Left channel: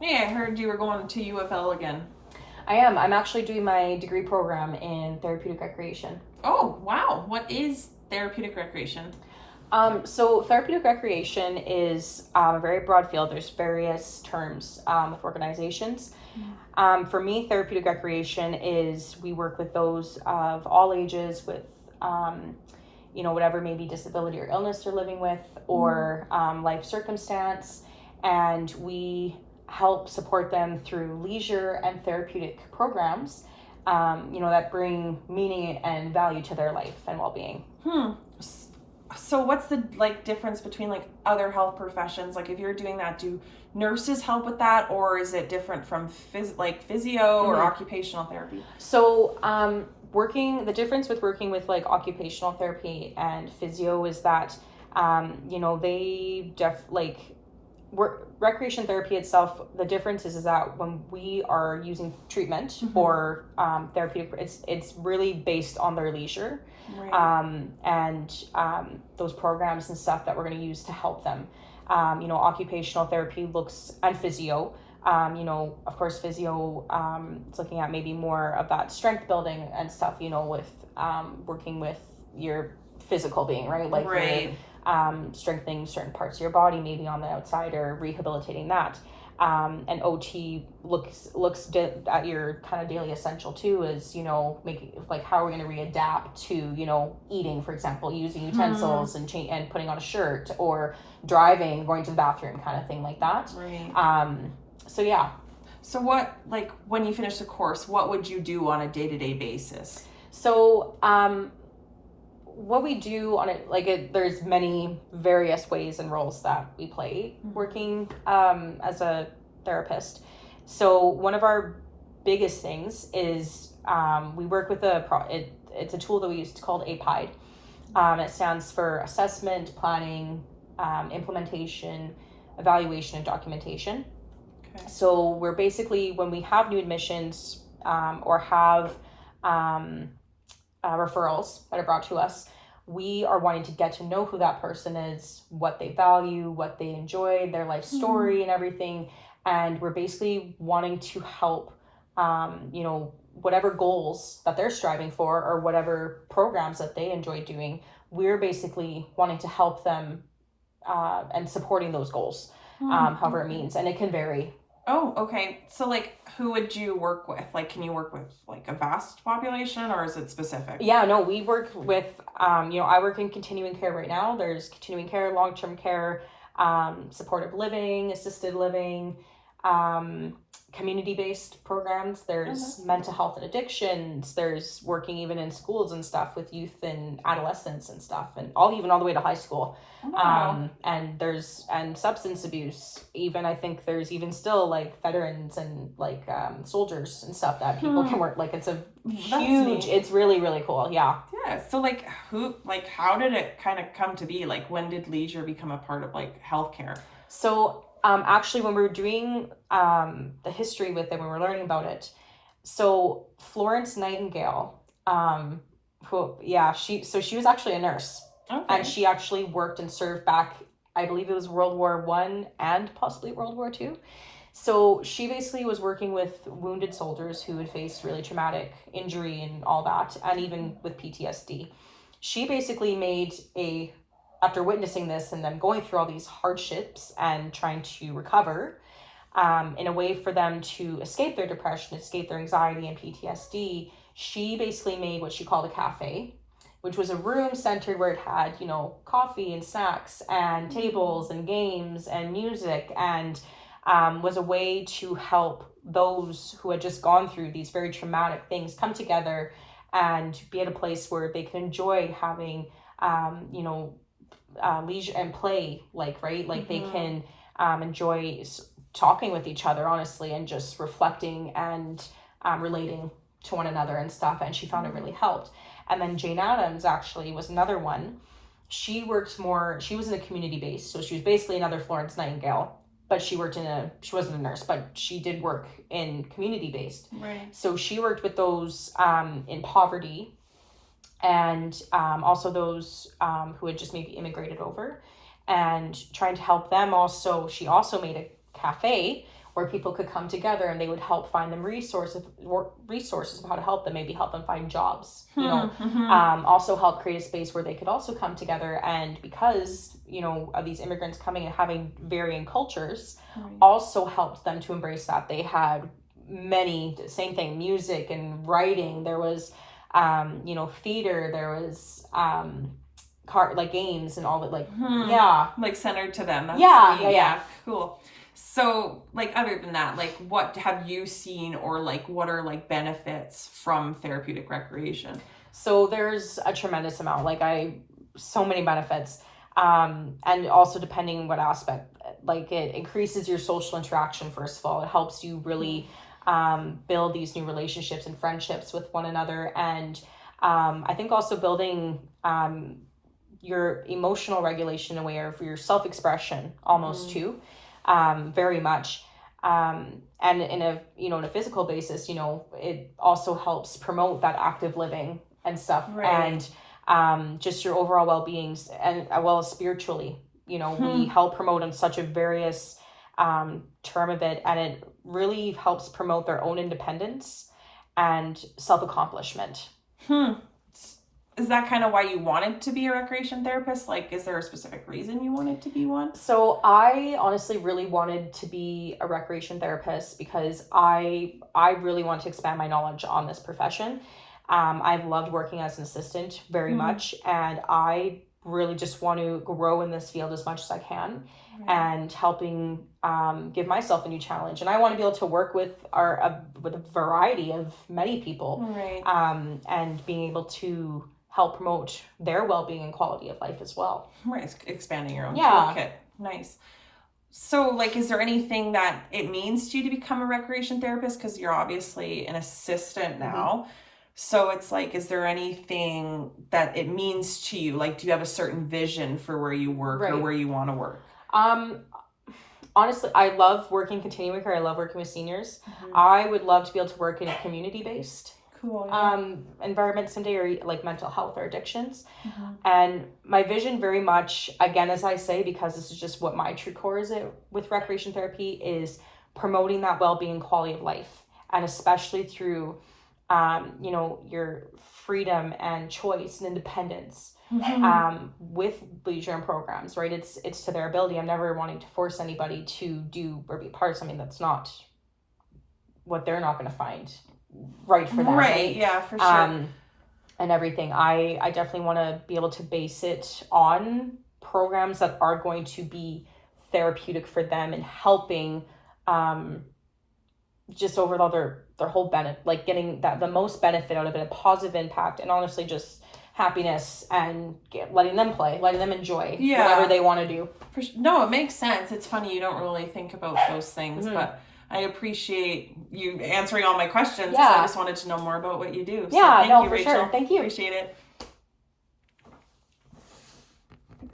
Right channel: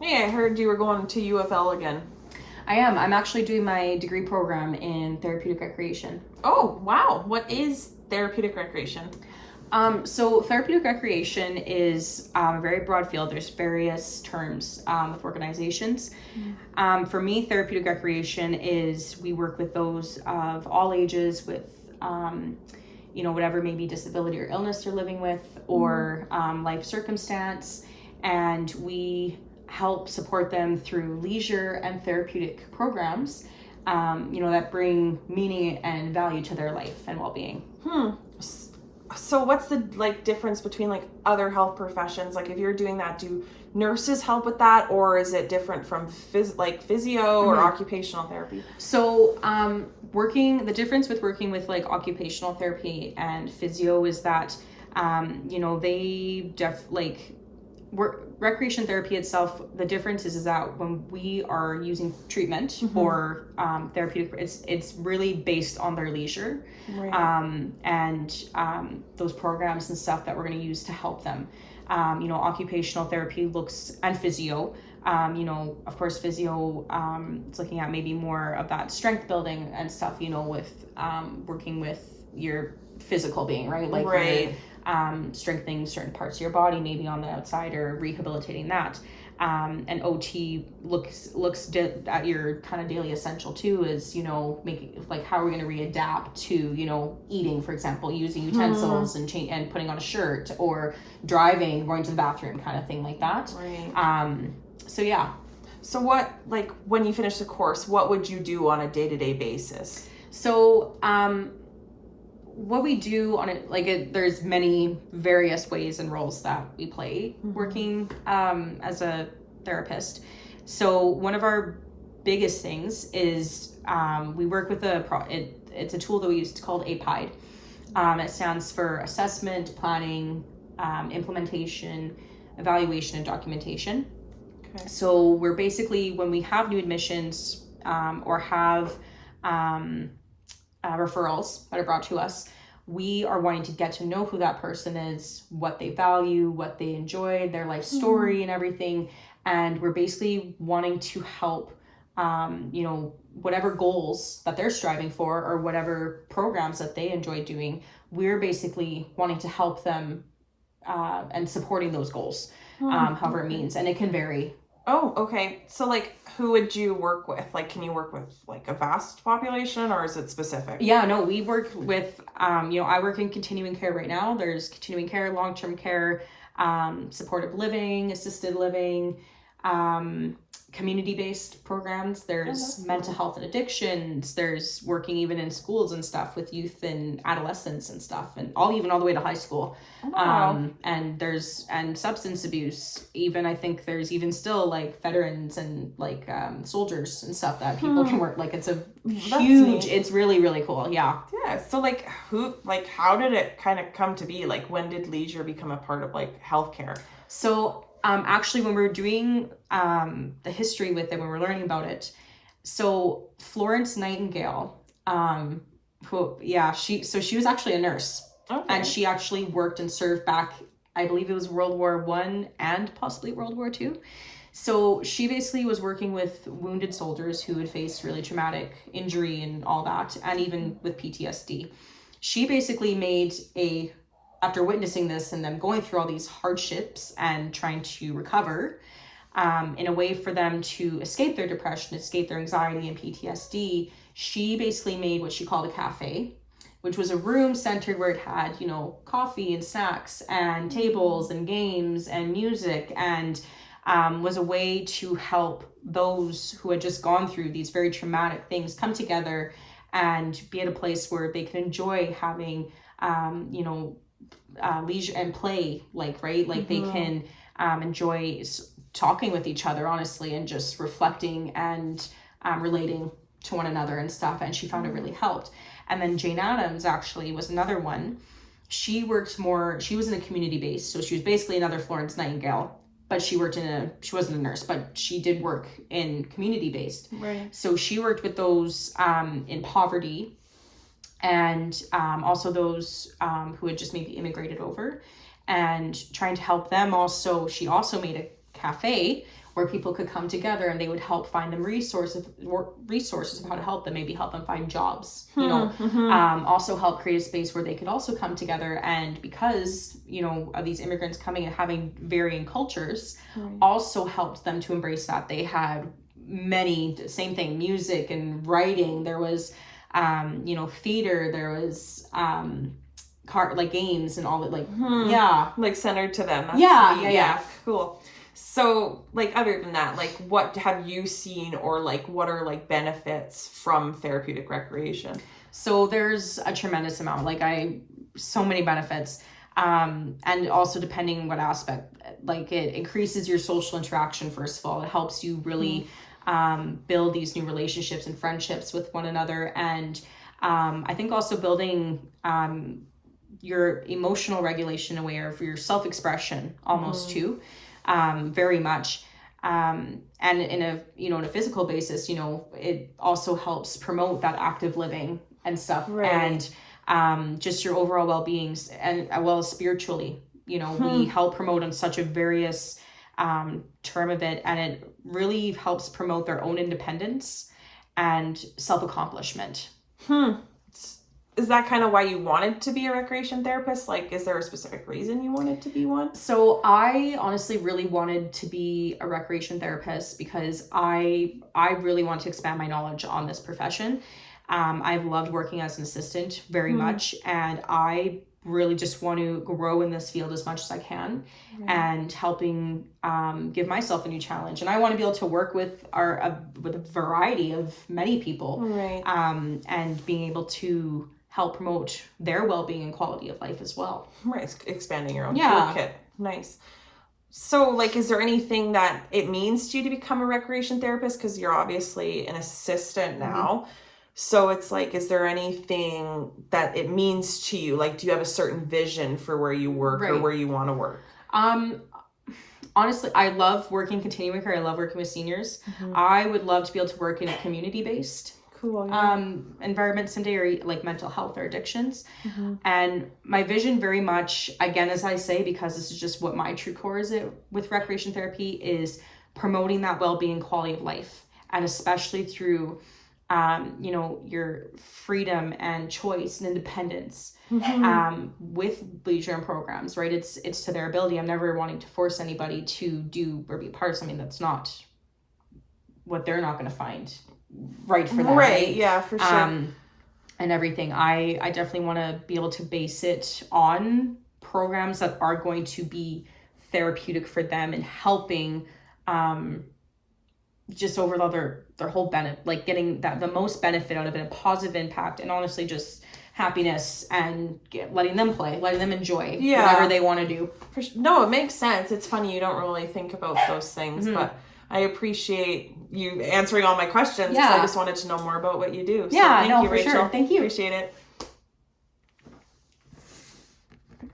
Hey, I heard you were going to UFL again. I am. I'm actually doing my degree program in therapeutic recreation. Oh, wow. What is therapeutic recreation? So therapeutic recreation is a very broad field. There's various terms with organizations. For me, therapeutic recreation is we work with those of all ages with, whatever maybe disability or illness they're living with or life circumstance. And we help support them through leisure and therapeutic programs, that bring meaning and value to their life and well-being. So what's the difference between other health professions? Like if you're doing that, do nurses help with that, or is it different from physio or occupational therapy? So, the difference with working with like occupational therapy and physio is that, they recreation therapy itself. The difference is that when we are using treatment or therapeutic, it's really based on their leisure, Right. and those programs and stuff that we're going to use to help them. Occupational therapy looks and physio. Of course, physio, it's looking at maybe more of that strength building and stuff, with working with your physical being, right? Like Right. strengthening certain parts of your body, maybe on the outside, or rehabilitating that. And OT looks at your kind of daily essential too, is making like how are we going to readapt to eating, for example, using utensils and putting on a shirt, or driving, going to the bathroom, kind of thing like that. Right. So yeah. So what, when you finish the course, what would you do on a day-to-day basis? So what we do on it, there's many various ways and roles that we play working as a therapist. So one of our biggest things is we work with it's a tool that we use called APIDE. It stands for assessment, planning, implementation, evaluation, and documentation. Okay. So we're basically, when we have new admissions or have referrals that are brought to us, we are wanting to get to know who that person is, what they value, what they enjoy, their life story and everything. And we're basically wanting to help, whatever goals that they're striving for or whatever programs that they enjoy doing. We're basically wanting to help them and supporting those goals, however it means. And it can vary. Oh, okay. So who would you work with? Can you work with a vast population, or is it specific? Yeah, no, we work with, I work in continuing care right now. There's continuing care, long-term care, supportive living, assisted living, community-based programs. There's mental health and addictions. There's working even in schools and stuff with youth and adolescents and stuff, and even all the way to high school. And substance abuse. Even I think there's even still veterans and soldiers and stuff that people can work. It's a huge. It's really really cool. Yeah. Yeah. So how did it kind of come to be? When did leisure become a part of healthcare? So actually, when we were doing the history with it, when we were learning about it, so Florence Nightingale, she was actually a nurse. Okay. And she actually worked and served back, I believe it was World War I and possibly World War II. So she basically was working with wounded soldiers who had faced really traumatic injury and all that, and even with PTSD. She basically after witnessing this and them going through all these hardships and trying to recover, in a way for them to escape their depression, escape their anxiety and PTSD, she basically made what she called a cafe, which was a room centered where it had, coffee and snacks and tables and games and music, and was a way to help those who had just gone through these very traumatic things come together and be at a place where they can enjoy having, leisure and play, they can enjoy talking with each other honestly and just reflecting and relating to one another and stuff. And she found it really helped. And then Jane Addams actually was another one. She was in a community base, so she was basically another Florence Nightingale, but she wasn't a nurse, but she did work in community based. Right. So she worked with those in poverty, and also those who had just maybe immigrated over, and trying to help them. Also, she also made a cafe where people could come together and they would help find them resources of how to help them, maybe help them find jobs, you know, also help create a space where they could also come together. And because, you know, of these immigrants coming and having varying cultures, also helped them to embrace that. They had many, same thing, music and writing. There was, you know, theater, there was, like games and all that, like, like centered to them. That's yeah. Cool. So, like, other than that, like, what have you seen, or like, what are like benefits from therapeutic recreation? So there's a tremendous amount, so many benefits. And also depending on what aspect, like, it increases your social interaction. First of all, it helps you really build these new relationships and friendships with one another. And I think also building your emotional regulation in a way, or for your self-expression almost too. Very much. And in a physical basis, you know, it also helps promote that active living and stuff, and just your overall well-being, and as well as spiritually, you know, we help promote on such a various term of it, and it really helps promote their own independence and self-accomplishment. Is that kind of why you wanted to be a recreation therapist? Like, is there a specific reason you wanted to be one? So I honestly really wanted to be a recreation therapist because I really want to expand my knowledge on this profession. I've loved working as an assistant very much, and I really just want to grow in this field as much as I can, and helping give myself a new challenge. And I want to be able to work with with a variety of many people, and being able to help promote their well-being and quality of life as well. Right, expanding your own toolkit. Nice. So, like, is there anything that it means to you to become a recreation therapist? Because you're obviously an assistant now. So it's like, is there anything that it means to you? Like, do you have a certain vision for where you work or where you want to work? Honestly, I love working continuing care. I love working with seniors. I would love to be able to work in a community-based environment someday, or like mental health or addictions. And my vision very much, again, as I say, because this is just what my true core is with recreation therapy, is promoting that well-being, quality of life, and especially through you know, your freedom and choice and independence with leisure and programs, right? It's to their ability. I'm never wanting to force anybody to do or be part of something that's not what they're not going to find right for them, right? Yeah, for sure. And everything. I definitely want to be able to base it on programs that are going to be therapeutic for them and helping just overall their whole benefit, like getting the most benefit out of it, a positive impact, and honestly just happiness, and letting them play, letting them enjoy whatever they want to do. No, it makes sense. It's funny, you don't really think about those things, but I appreciate you answering all my questions. I just wanted to know more about what you do. So for Rachel. sure. Thank you. Appreciate it.